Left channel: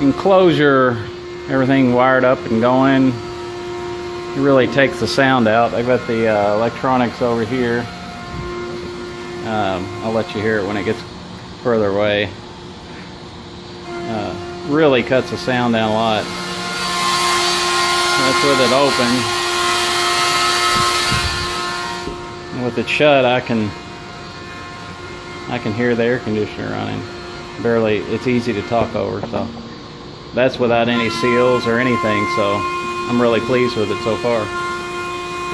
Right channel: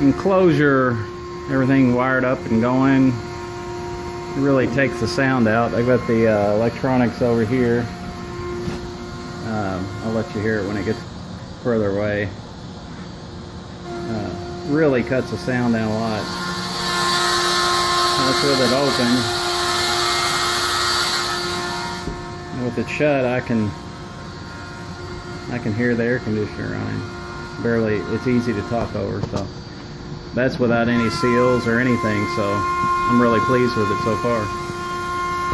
enclosure, everything wired up and going, it really takes the sound out. I've got the electronics over here. I'll let you hear it when it gets further away. Really cuts the sound down a lot. That's with it open. And with it shut, I can hear the air conditioner running. Barely, it's easy to talk over, so that's without any seals or anything, so I'm really pleased with it so far.